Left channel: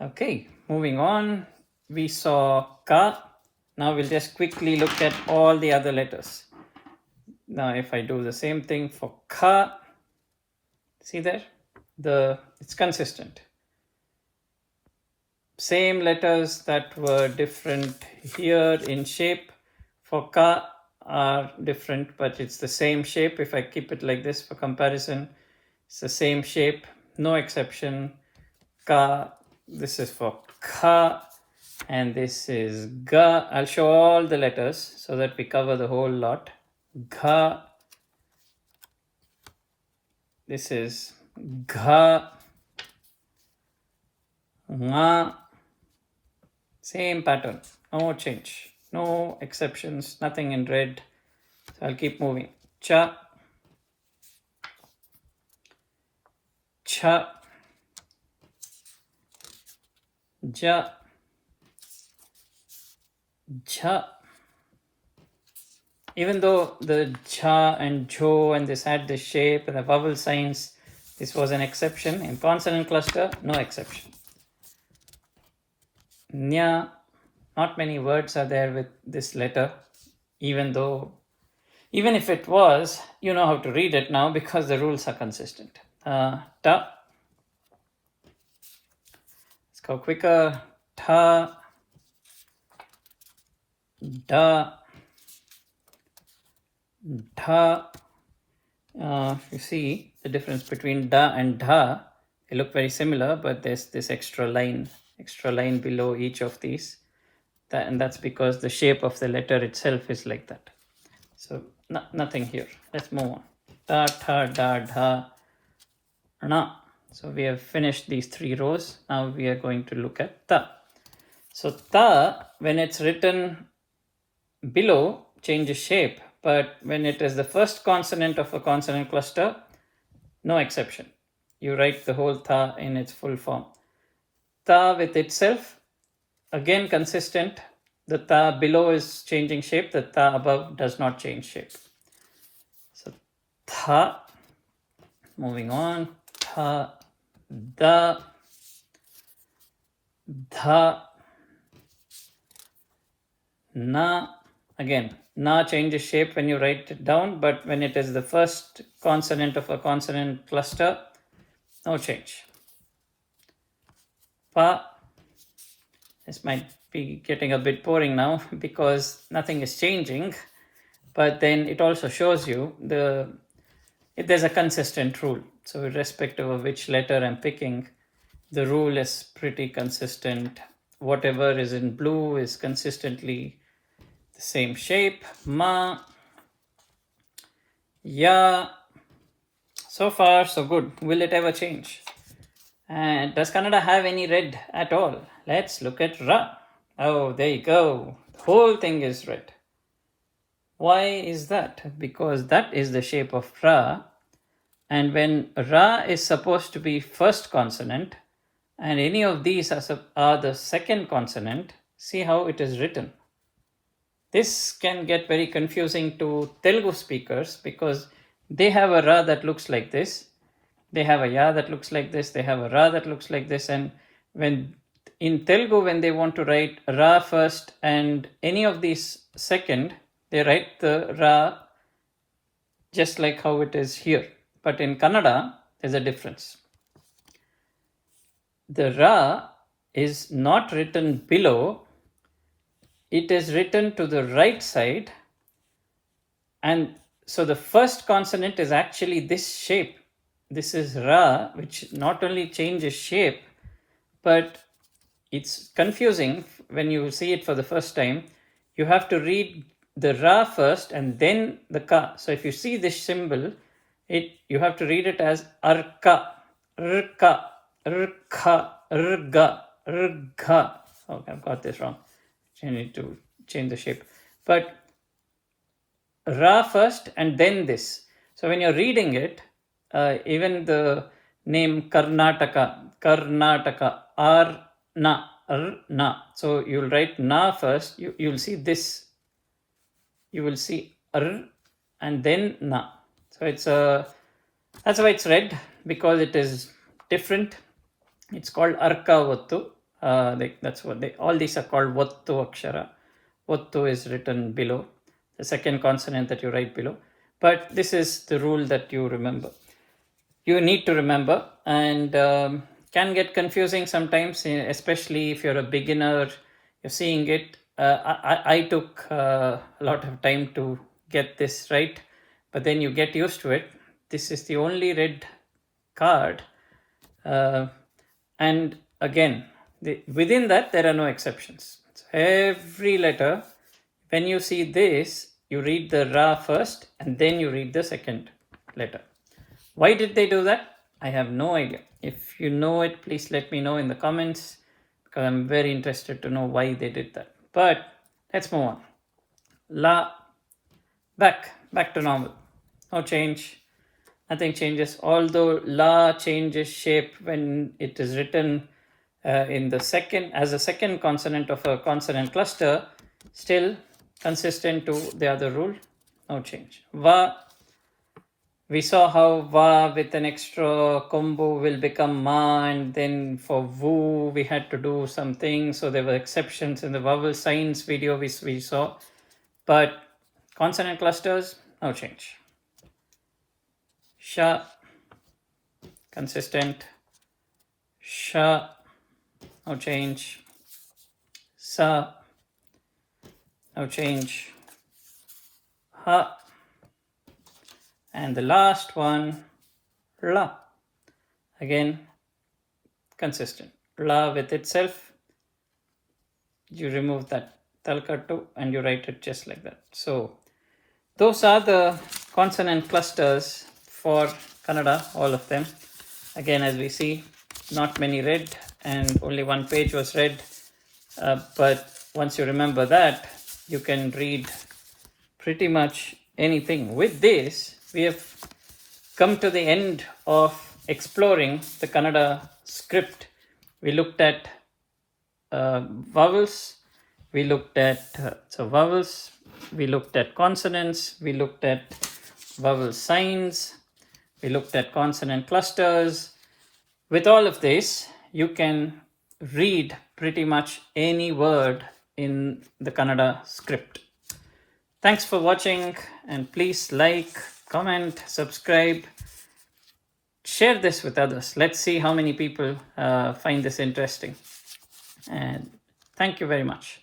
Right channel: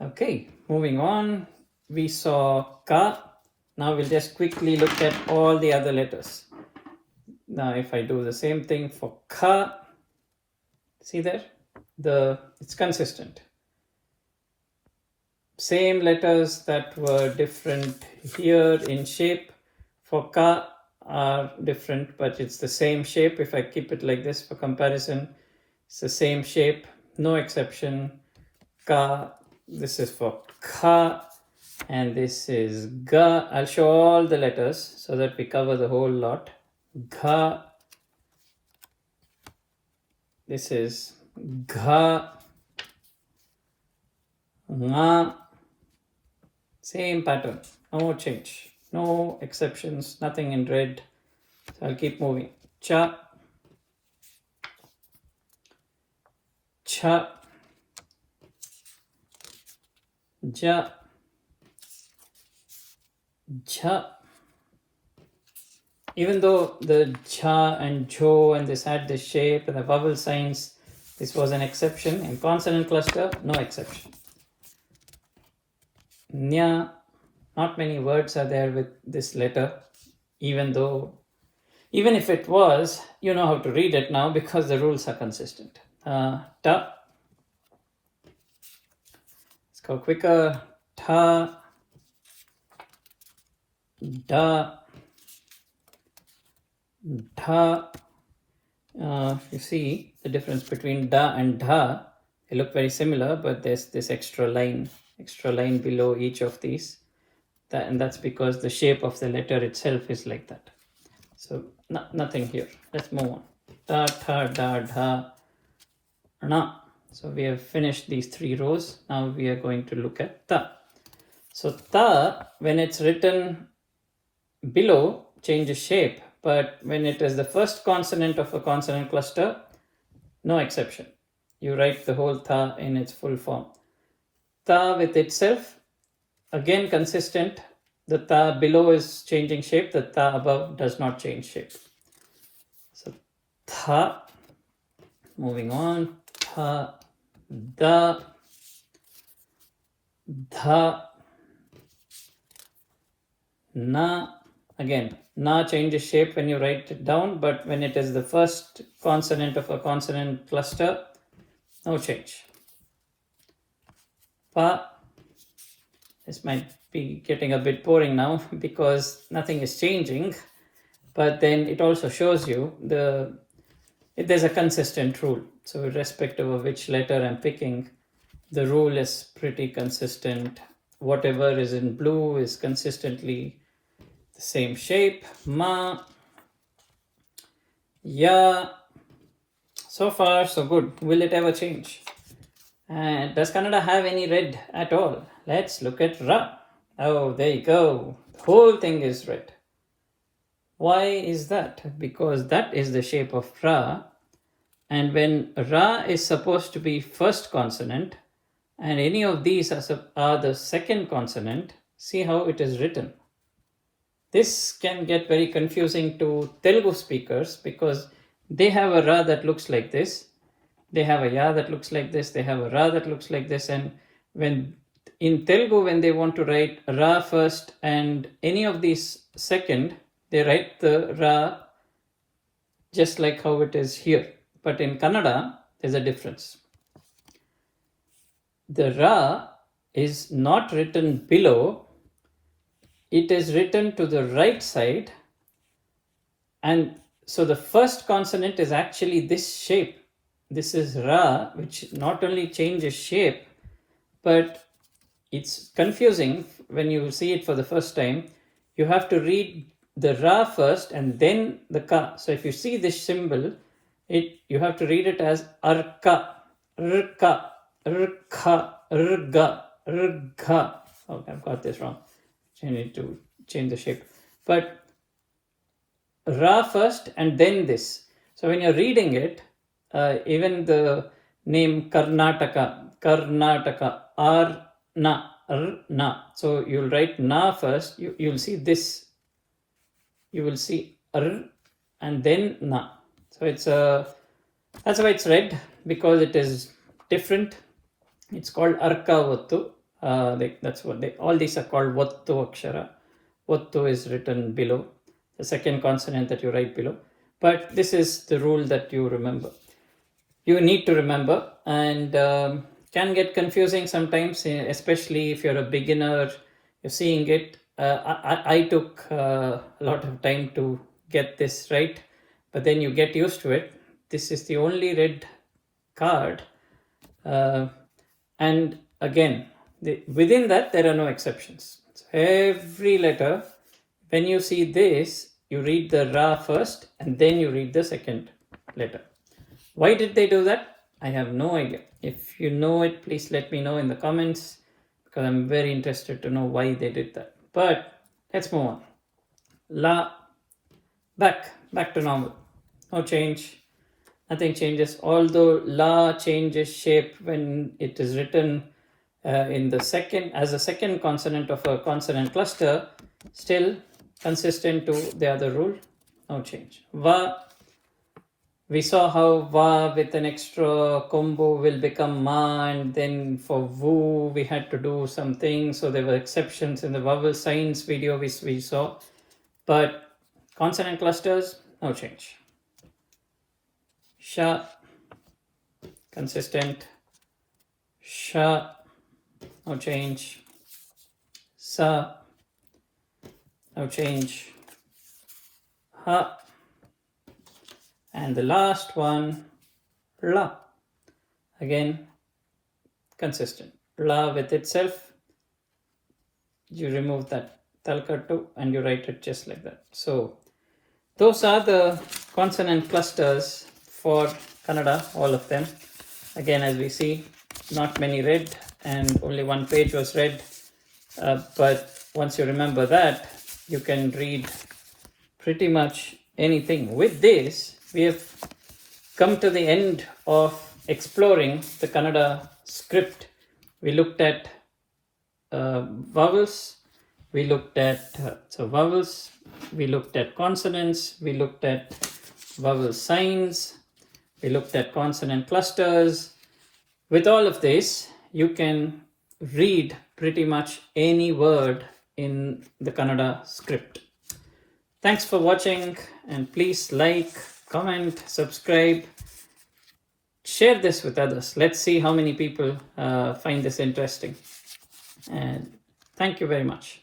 Okay, moving on. We saw ka. Now we'll just quickly look at all the other letters. Now if I do the same thing for ka, see there? It's consistent. Same letters that were different here in shape for ka are different, but it's the same shape. If I keep it like this for comparison, it's the same shape, no exception. Ka, this is for ka, and this is ga. I'll show all the letters so that we cover the whole lot. Gha, this is gha, nga, same pattern, no change, no exceptions, nothing in red. So I'll keep moving. Cha, cha, ja, ja. Even though the ja and jo and this had the shape and the vowel signs, this was an exception. In consonant cluster, no exception. Nya, not many words are there with this letter, even if it was, you know how to read it now because the rules are consistent. Ta, let's go quicker. Ta, da, dha. You see the difference between da and dha. They look very similar, but there's this extra line below each of these. And that's because the shape of the letter itself is like that. So nothing here. Let's move on. Ta, tha, da, dha, na. So we have finished these 3 rows. Now we are going to look at ta. So ta, when it's written below, changes shape. But when it is the first consonant of a consonant cluster, no exception. You write the whole ta in its full form. Ta with itself, again consistent. The ta below is changing shape. The ta above does not change shape. So tha, moving on. Tha, da, dha, na. Again, na changes shape when you write it down, but when it is the first consonant of a consonant cluster, no change. Pa, this might be getting a bit boring now because nothing is changing, but then it also shows you there's a consistent rule. So irrespective of which letter I'm picking, the rule is pretty consistent. Whatever is in blue is consistently the same shape. Ma, ya. So far so good. Will it ever change? And does Kannada have any red at all? Let's look at ra. Oh, there you go. The whole thing is red. Why is that? Because that is the shape of ra. And when ra is supposed to be first consonant, and any of these are the second consonant, see how it is written. This can get very confusing to Telugu speakers because they have a ra that looks like this. They have a ya that looks like this. They have a ra that looks like this. And when in Telugu, when they want to write ra first and any of these second, they write the ra just like how it is here. But in Kannada, there's a difference. The ra is not written below. It is written to the right side. And so the first consonant is actually this shape. This is ra, which not only changes shape, but it's confusing when you see it for the first time. You have to read the ra first and then the ka. So if you see this symbol, you have to read it as arka, rka, rkha, rga, rgha. Oh, I've got this wrong. I need to change the shape. But ra first and then this. So when you're reading it, even the name Karnataka, na. So you'll write na first. You'll see this. You will see and then na. So that's why it's red, because it is different. It's called arka otthu. That's what all these are called otthu akshara. Otthu is written below, the second consonant that you write below. But this is the rule that you remember. You need to remember, and can get confusing sometimes, especially if you're a beginner, you're seeing it. I took a lot of time to get this right, but then you get used to it. This is the only red card, and again, within that there are no exceptions. So every letter, when you see this, you read the ra first and then you read the second letter. Why did they do that? I have no idea. If you know it, please let me know in the comments, because I'm very interested to know why they did that. But let's move on. La, back to normal. No change. Nothing changes. Although la changes shape when it is written as a second consonant of a consonant cluster, still consistent to the other rule. No change. Va. We saw how va with an extra combo will become ma, and then for vu we had to do something. So there were exceptions in the vowel signs video we saw. But consonant clusters, no change. Sha, consistent. Sha, no change. Sa, no change. Ha. And the last one, la. Again, consistent. La with itself, you remove that talkattu and you write it just like that. So those are the consonant clusters for Kannada, all of them. Again, as we see, not many read, and only one page was read. But once you remember that, you can read pretty much anything. With this, we have come to the end of exploring the Kannada script. We looked at vowels, we looked at vowels, we looked at consonants, we looked at vowel signs, we looked at consonant clusters. With all of this, you can read pretty much any word in the Kannada script. Thanks for watching, and please like, comment, subscribe, share this with others. Let's see how many people find this interesting. And thank you very much.